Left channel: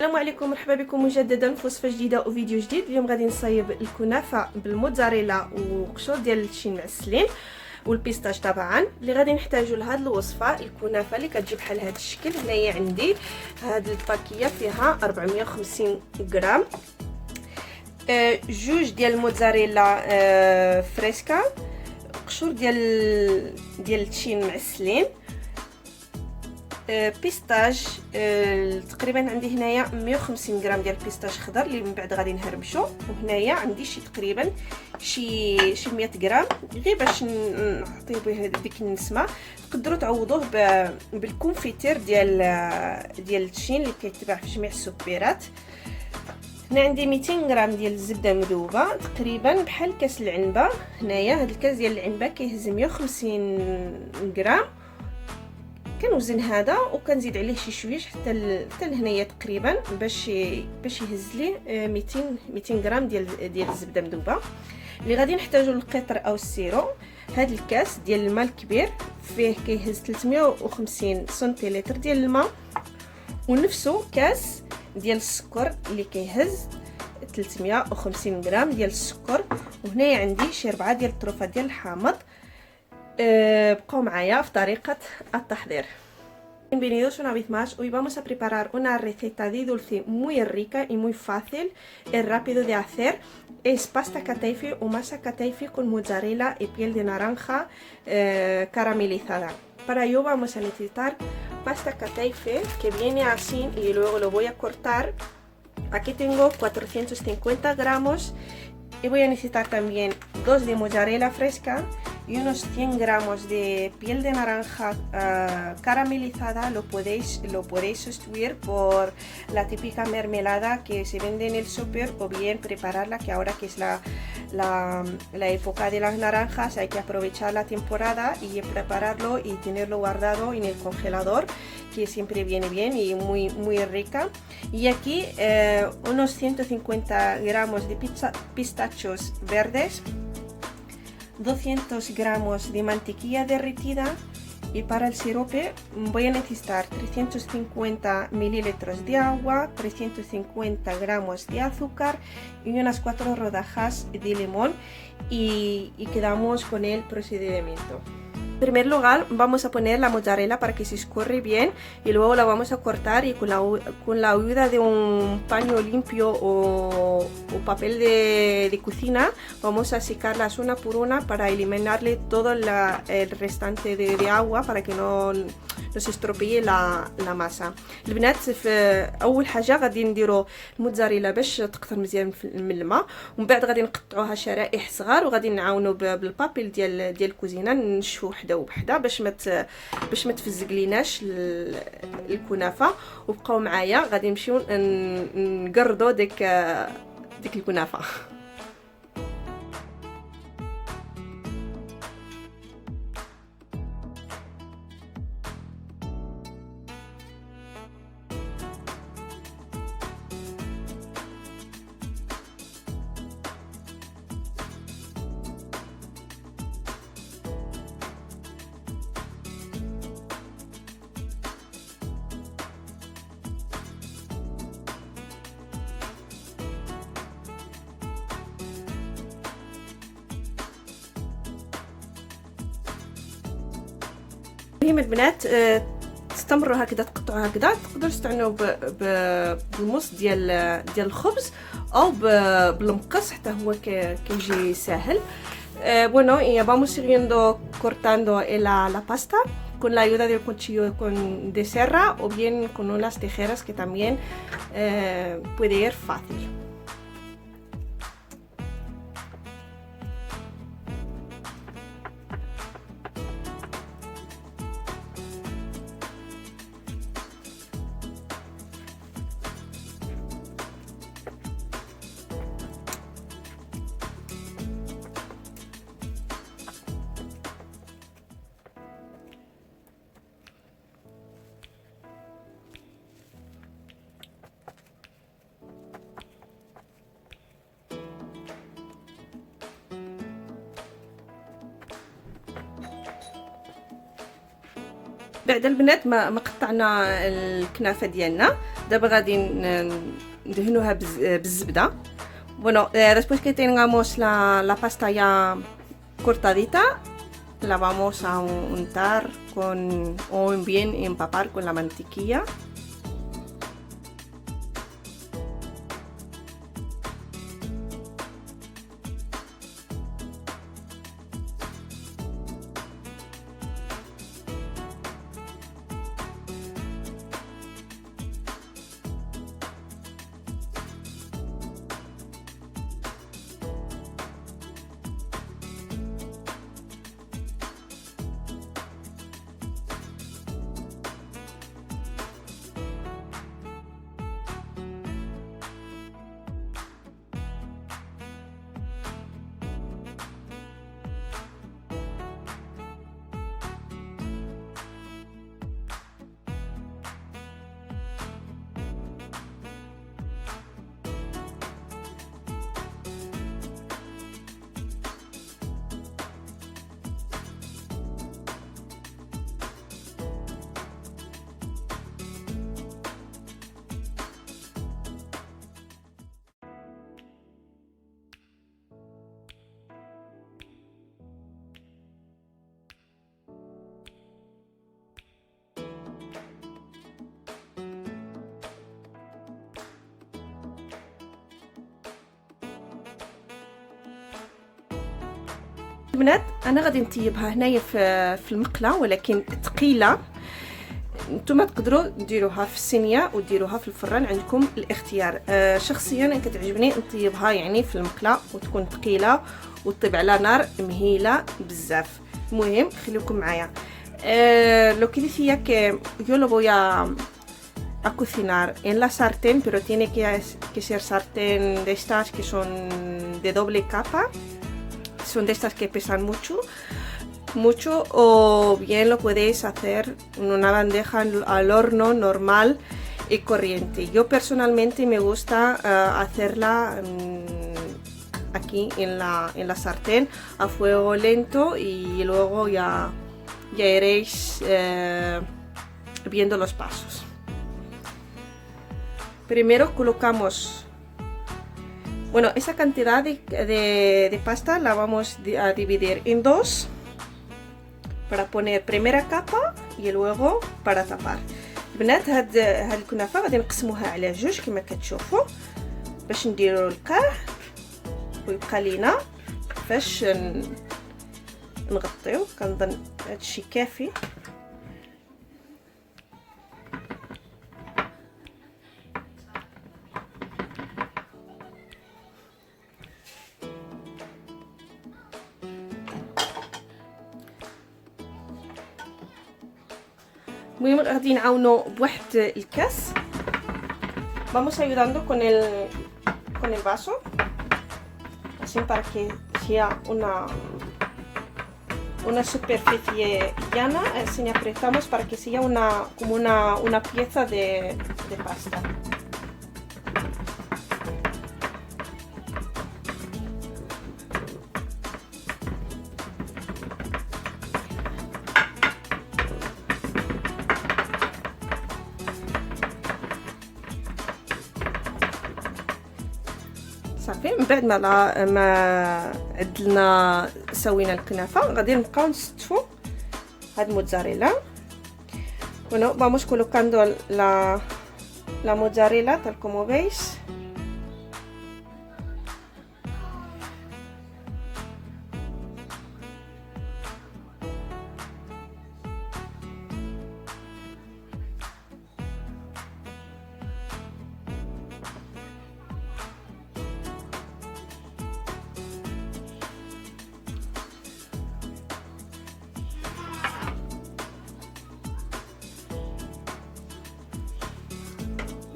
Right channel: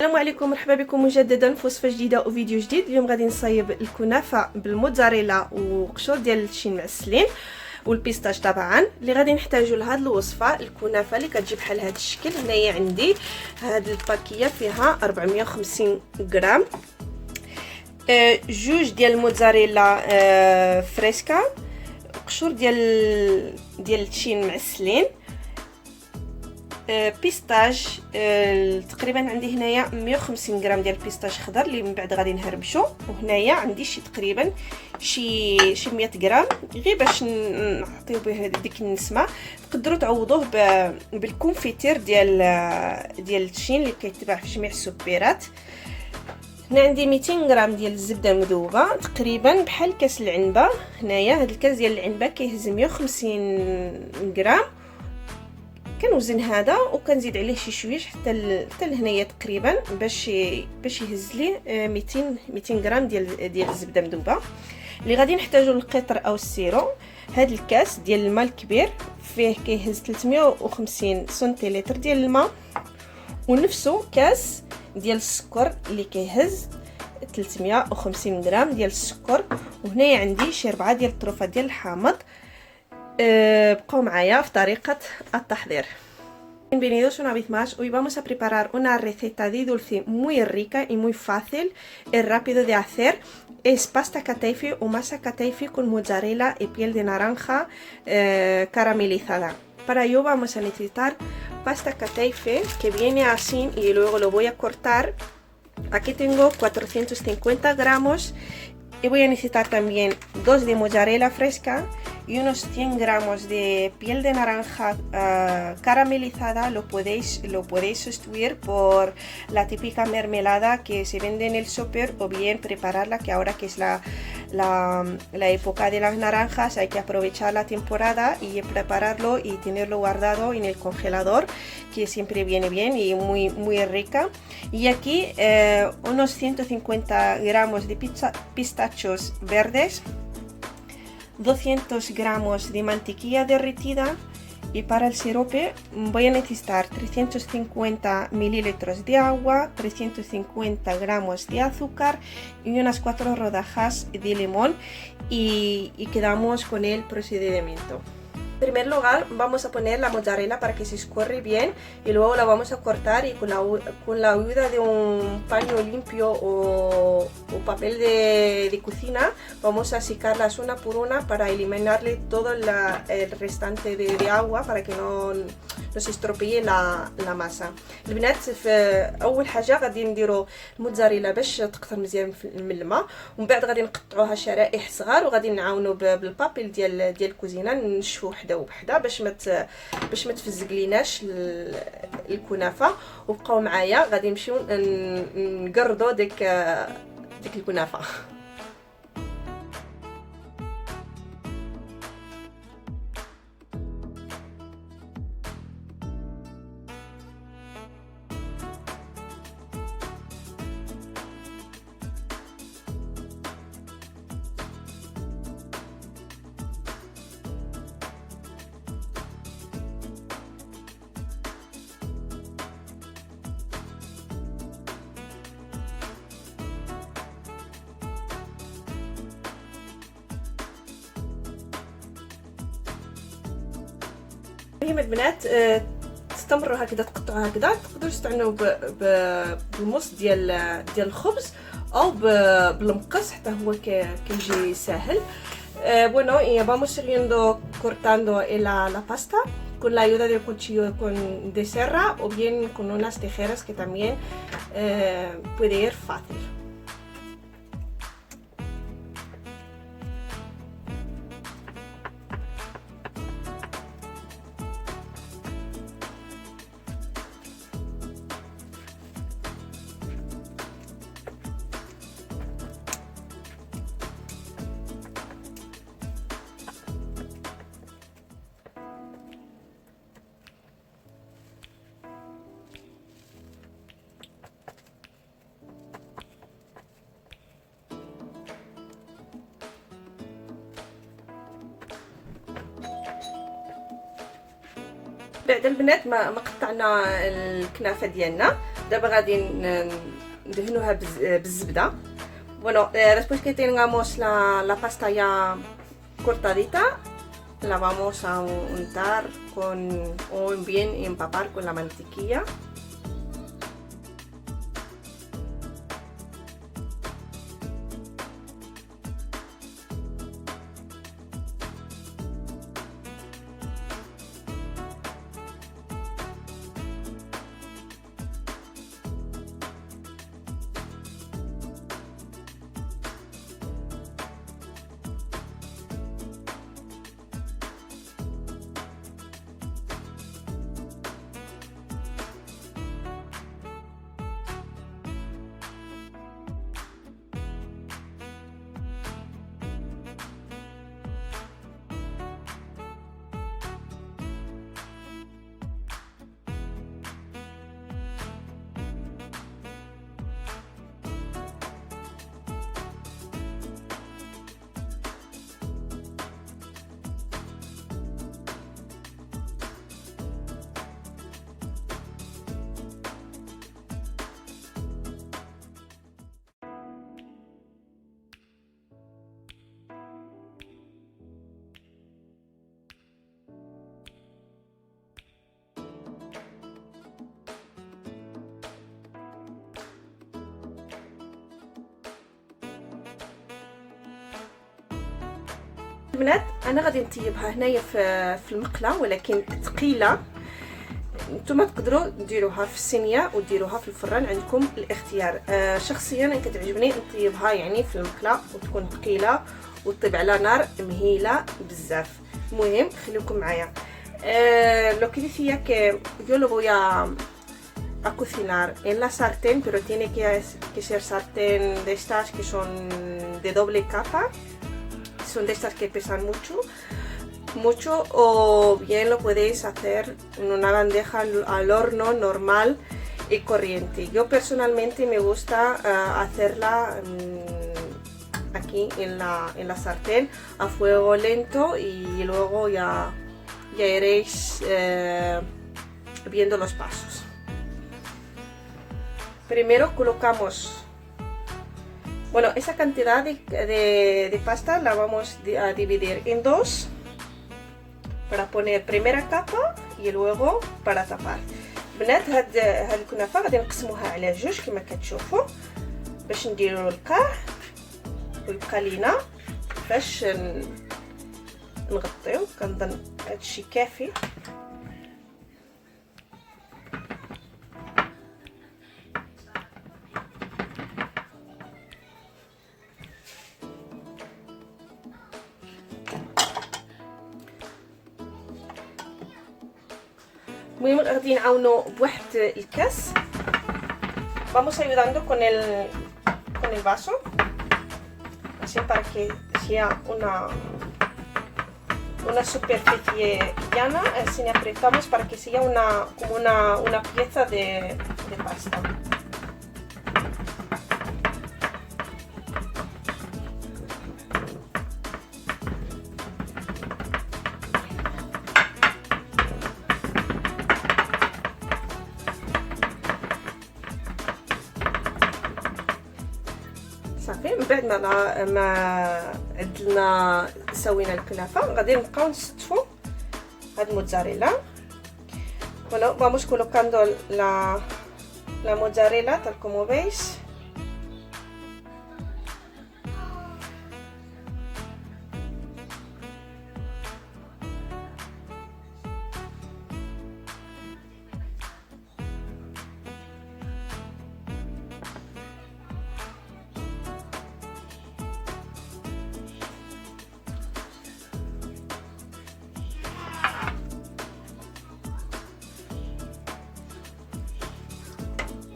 السلام عليكم، مرحبا بكم مجددا في وصفه جديده وفيديو جديد. اليوم غادي نصايب الكنافه بالموتزاريلا وقشور ديال التشين معسلين والبيستاش. طبعا اللي غادي نحتاجو لهاد الوصفه الكنافه اللي كتجي بحال هاد الشكل. هنايا عندي هاد الباكيه فيها 450 غرام، جوج ديال الموتزاريلا فريسكا، قشور ديال التشين معسلين، بيستاج تقريبا عندي هنايا 150 غرام ديال البيستاج خضر اللي من بعد غادي نهربشو، وهنايا عندي تقريبا شي 100 غرام غير باش نعطيو به ديك النسمه. تقدروا تعوضوه بالكونفيتير ديال التشين اللي كيتباع في جميع السوبرات. هنا عندي 200 غرام ديال الزبده مذوبه تقريبا بحال كاس العنبه. هنايا هذا الكاس ديال العنبه كيهز 150 غرام. كنوزن هذا وكنزيد عليه شي شويش حتى لهنايا تقريبا باش يهز لي 200 غرام ديال الزبده مذوبه. اللي غادي نحتاجو القطر او السيرو. هذا الكاس ديال الماء الكبير فيه كيهز 350 سنتيلتر ديال الماء، ونفسه كاس ديال السكر اللي كيهز 350 غرام ديال السكر. وهنايا عندي شي 4 ديال الطروفات ديال الحامض. بقوا معايا في طريقة التحضير. Bienvenidos una vez más. Hoy vamos a preparar una receta de dulce muy rica y muy fácil y rápido de hacer. Es pasta kataifi o masa kataifi con mozzarella y piel de naranja caramelizada. Para ello vamos a necesitar pasta kataifi que viene así y luego lo voy a cortar. Aquí tengo 450 gramos. Y voy a necesitar también 2 de mozzarella fresca y unos 100 gramos de piel de naranja caramelizada. Lo podéis sustituir por la típica mermelada que se vende en el súper, o bien prepararla, que ahora que es la época de las naranjas hay que aprovechar la temporada y prepararlo y tenerlo guardado en el congelador, que siempre viene bien y muy rica. Y aquí unos 150 gramos de pistachos verdes, 200 gramos de mantequilla derretida, y para el sirope voy a necesitar 350 mililitros de agua, 350 gramos de azúcar y unas 4 rodajas de limón, y quedamos con el procedimiento. En primer lugar vamos a poner la mozzarella para que se escurre bien, y luego la vamos a cortar, y con la ayuda de un paño limpio o papel de cocina vamos a secarlas una por una para eliminarle todo el restante de agua para que no se estropee la masa. البنات في اول حاجه غادي نديروا الموتزاريلا باش تكثر مزيان من الماء، ومن بعد غادي نقطعوها شرائح صغار، وغادي نعاونوا بالبابيل ديال الكوزينه نشفوا وحده وحده باش ما تفزق ليناش الكنافه. وبقاو معايا غادي نمشيو نقردوا ديك الكنافه. المهم البنات تستمروا هكذا، تقطعوا هكذا. تقدروا تستعنوا بالمص ديال الخبز او بالمقص، حتى هو كيجي ساهل. Bueno, y vamos siguiendo cortando la pasta con la ayuda del cuchillo de serra, o bien con unas tijeras, que también puede ir fácil. بعد البنات ما قطعنا الكنافه ديالنا، دابا غادي ندهنوها بالزبده. Bueno, después que tengamos la pasta ya cortadita, la vamos a untar o bien empapar con la mantequilla. البنات انا غادي نطيبها هنايا في المقله، ولكن ثقيله. نتوما تقدروا ديروها في الصينيه وديروها في الفران، عندكم الاختيار. شخصيا انا كتعجبني نطيبها يعني في المقله وتكون ثقيله وتطيب على نار مهيله بزاف. المهم خليكم معايا. Lo que decía que yo lo voy a cocinar en la sartén, pero tiene que ser sartén de estas que son de doble capa. Son de estas que pesan mucho, o bien lo podéis hacer en una bandeja al horno normal y corriente. Yo personalmente me gusta hacerla aquí en la sartén a fuego lento, y luego ya iréis viendo los pasos. Primero colocamos, bueno, esta cantidad de pasta la vamos a dividir en dos para poner primera capa y luego para tapar. البنات هاد الكنافه غادي نقسموها على جوج كما كتشوفوا باش نديروا القاع ويبقى لينا باش نغطيو. كنظن هادشي كافي. المهم غادي نعاونو بواحد الكاس. Vamos ayudando con el vaso, así para que sea una superficie llana. Así apretamos para que sea como una pieza de pasta. صافي من بعد ما عدلنا سوينا الكنافه غادي نبقاو نستفو هاد الموتزاريلا. Bueno, vamos colocando la mozzarella tal como veis.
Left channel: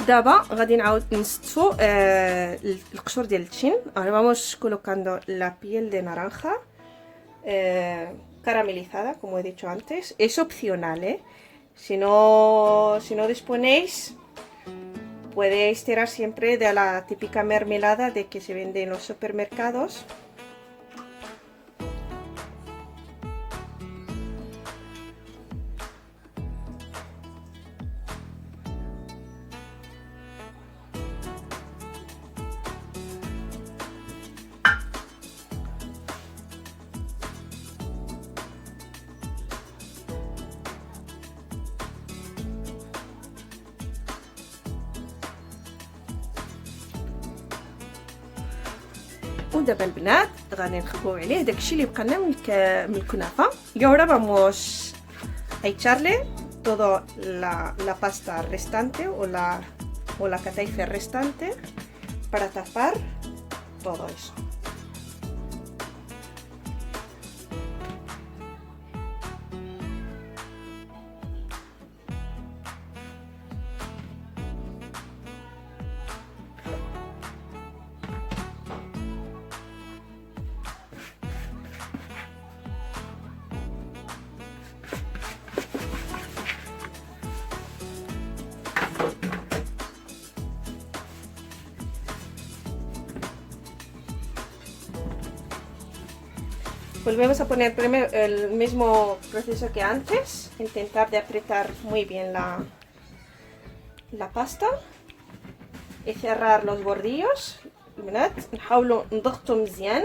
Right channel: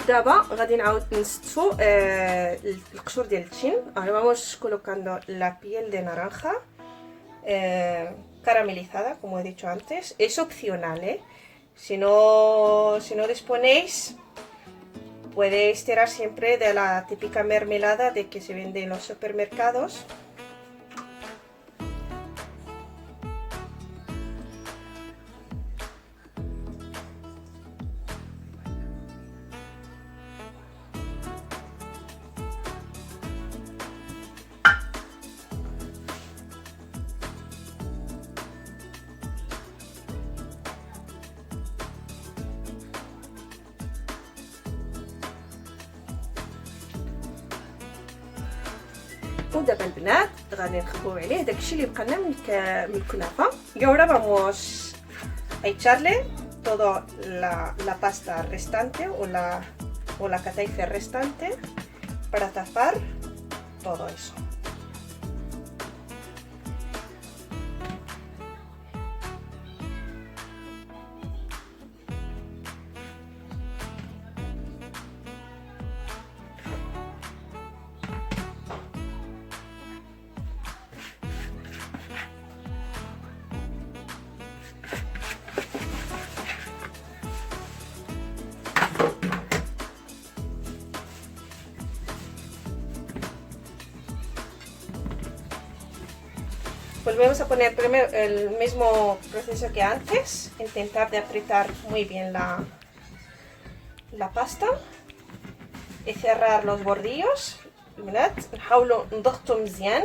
دابا غادي نعاود نستفو القشور ديال التين. Vamos colocando la piel de naranja caramelizada, como he dicho antes. Es opcional, si no disponéis, podéis tirar siempre de la típica mermelada de que se vende en los supermercados. ودابا البنات غادي نخبوو عليه داكشي اللي بقى لنا من الكنافه. Y ahora vamos a echarle toda la pasta restante o la cataife restante para tapar todo eso. Volvemos a poner primero el mismo proceso que antes, intentar de apretar muy bien la pasta y cerrar los bordillos. البنات نحاولوا نضغطوا مزيان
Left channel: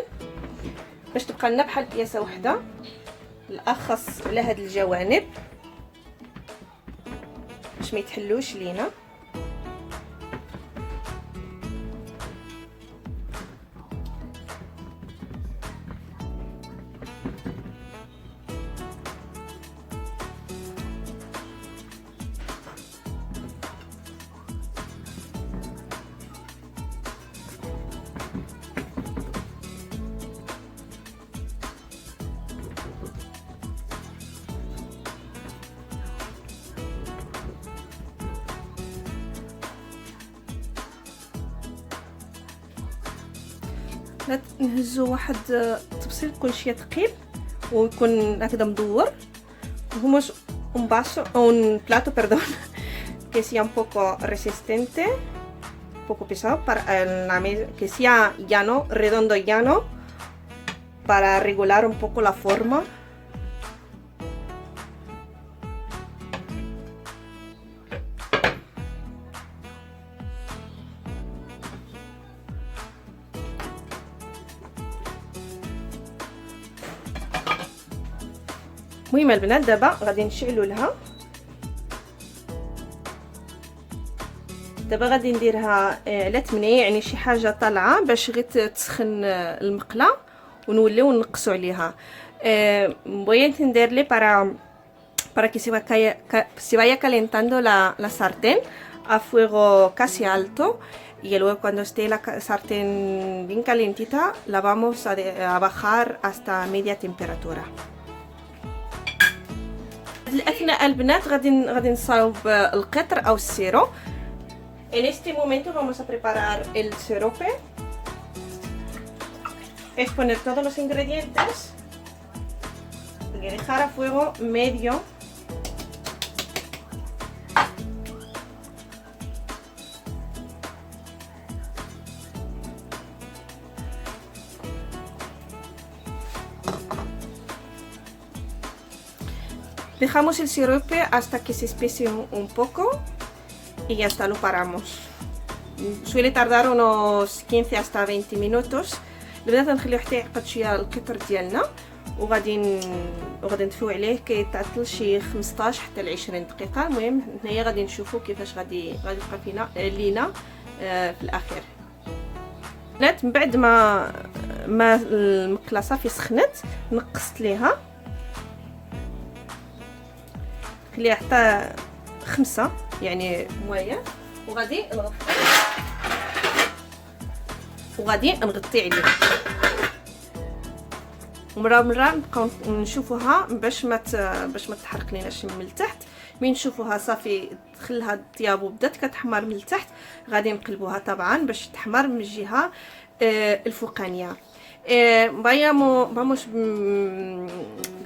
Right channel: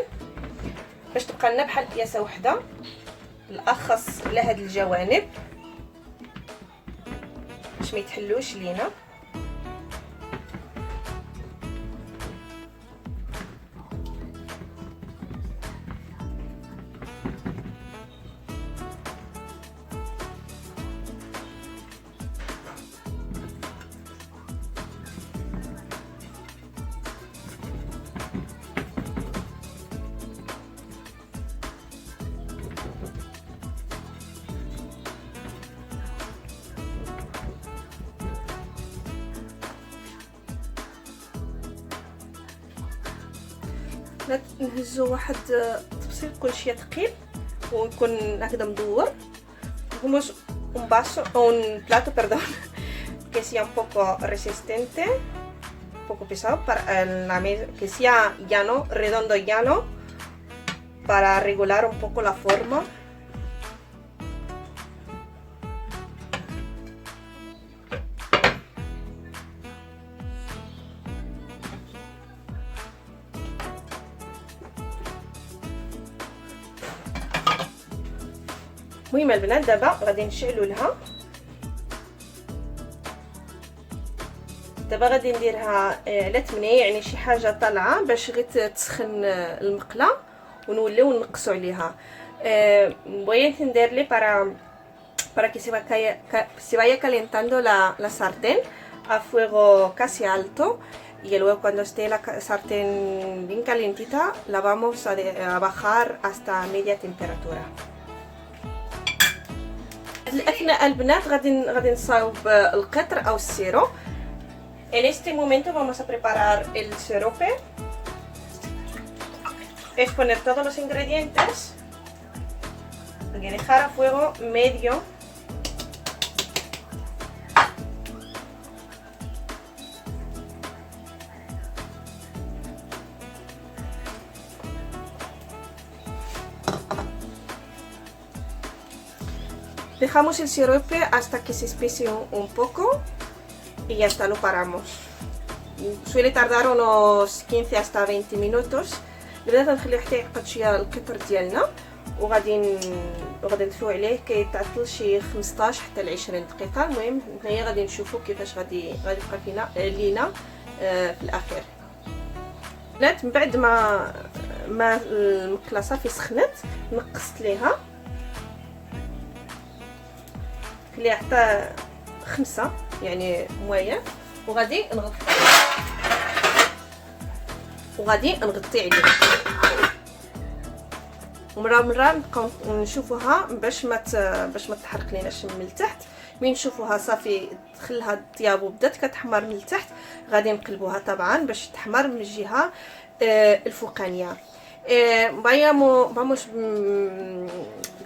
باش تبقى لنا بحال بياسه وحده، بالاخص على هاد الجوانب باش ما يتحلوش لينا. نهزو واحد التبسيط يكون شويه ثقيل ويكون هكذا مدور. Vamos un vaso, un plato, perdón, que sea un poco resistente, un poco pesado, para que sea llano, redondo y llano, para regular un poco la forma. المهم البنات دابا غادي نشعلوا لها. دابا غادي نديرها على 8 يعني شي حاجه طالعه باش غير تسخن المقله ونوليو نقصوا عليها. voy a encenderle para que se vaya calentando la sartén a fuego casi alto, y luego cuando esté la sartén bien calientita la vamos a bajar hasta media temperatura. الأثناء البنات غادي نصاوب القطر أو السيرو. En este momento vamos a preparar el sirope. Es poner todos los ingredientes y dejar a fuego medio. Dejamos el sirope hasta que se espese un poco y ya está, lo paramos. Suele tardar unos 15 hasta 20 minutos. بدات نخليو حتى يعقد شويه القطر ديالنا وغادي نطفيو عليه كيتعطل شي 15 حتى ل 20 دقيقه. المهم هنايا غادي نشوفوا كيفاش غادي يبقى فينا لينا في الاخير. بنات من بعد ما المقله صافي سخنت نقصت ليها، خليها حتى 5 يعني مويه، وغادي نغطي عليه ومره نبقاو نشوفوها باش ما تحرق ليناش من التحت. مين نشوفوها صافي دخلها الطياب وبدات كتحمر من التحت غادي نقلبوها طبعا باش تحمر من الجهه الفوقانيه. Vamos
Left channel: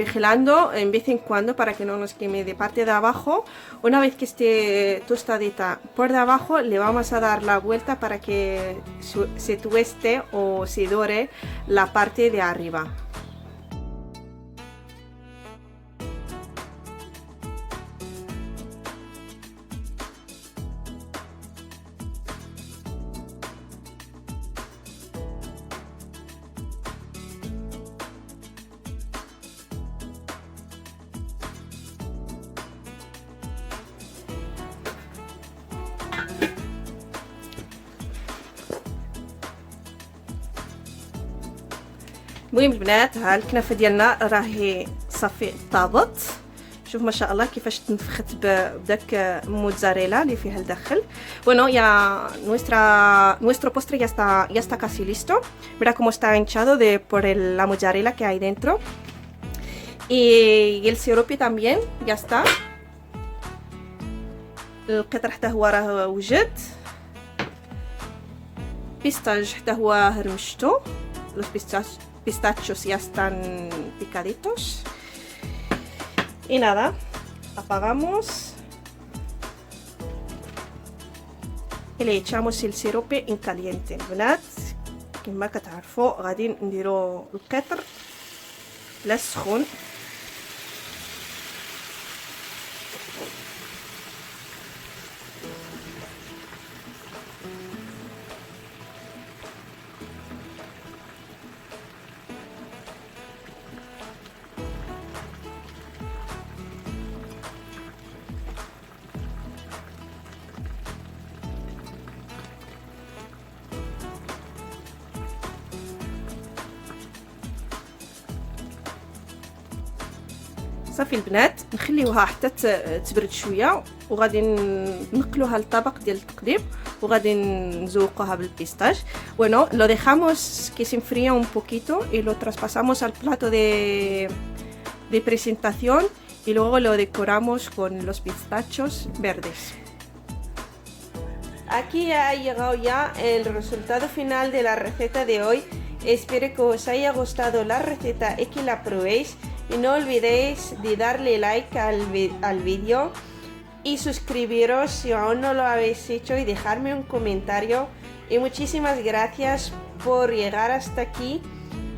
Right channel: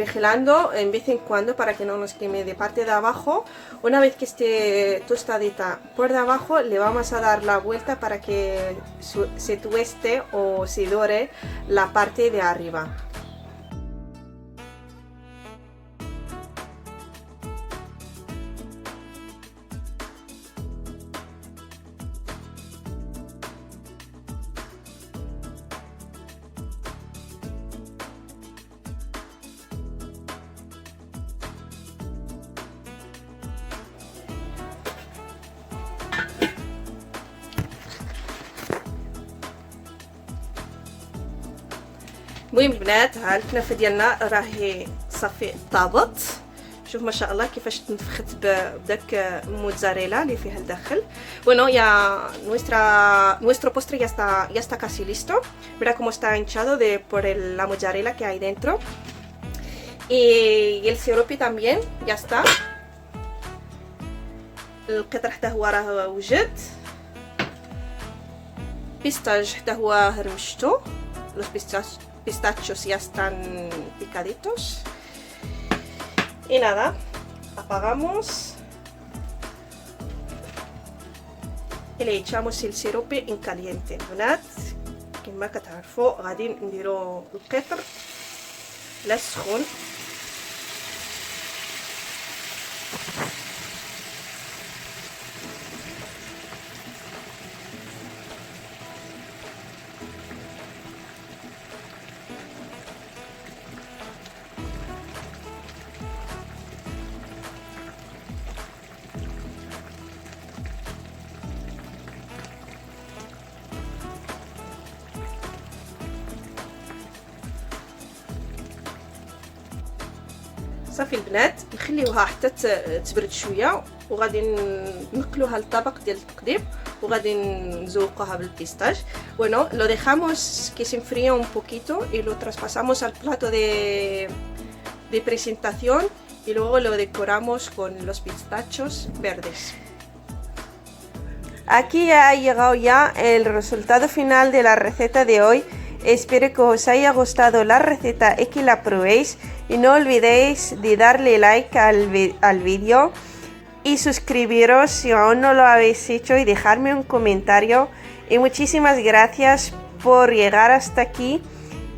vigilando en vez en cuando para que no nos queme de parte de abajo. Una vez que esté tostadita por de abajo, le vamos a dar la vuelta para que se tueste o se dore la parte de arriba. المهم البنات، ها الكنافه ديالنا راهي صافي طابت. شوف ما شاء الله كيفاش تنفخت بداك الموتزاريلا اللي فيها الداخل. Bueno, ya nuestro postre ya está casi listo. Mira cómo está hinchado por la mozzarella que hay dentro. Y el sirope también ya está. القطر حتى هو راه وجد. بيستاج حتى هو هرمشتو. Los pistachos ya están picaditos. Y nada, apagamos y le echamos el sirope en caliente. البنات كما كتعرفوا غادي نديرو القطر لا سخون. صافي البنات نخليوها حتى تبرد شويه وغادي نقلوها للطبق ديال التقديم وغادي نزوقوها بالبيستاج. Bueno, lo dejamos que se enfríe un poquito y lo traspasamos al plato de presentación y luego lo decoramos con los pistachos verdes. Aquí ha llegado ya el resultado final de la receta de hoy. Espero que os haya gustado la receta y que la probéis. Y no olvidéis de darle like al vídeo y suscribiros si aún no lo habéis hecho y dejarme un comentario. Y muchísimas gracias por llegar hasta aquí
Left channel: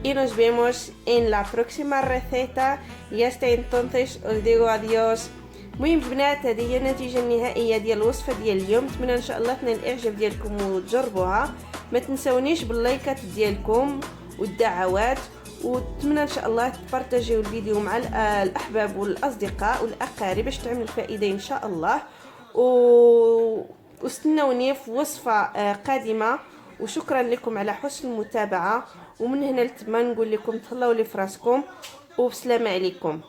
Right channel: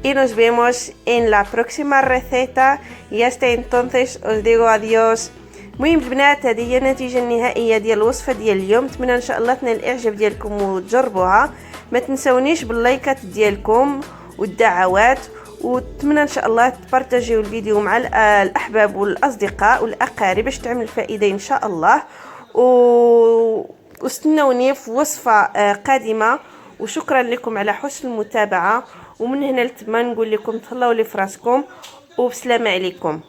y nos vemos en la próxima receta. Y hasta entonces os digo adiós. المهم البنات، هذه هي النتيجه النهائيه ديال الوصفه ديال اليوم. نتمنى ان شاء الله تنال الاعجاب ديالكم وتجربوها. ما تنسونيش باللايكات ديالكم والدعوات، واتمنى ان شاء الله تبارطاجيو الفيديو مع الاحباب والاصدقاء والاقارب باش تعمل فائده ان شاء الله. واستنوني في وصفه قادمه. وشكرا لكم على حسن المتابعه. ومن هنا لتما نقول لكم تهلاو لي فراسكم وبسلامه عليكم.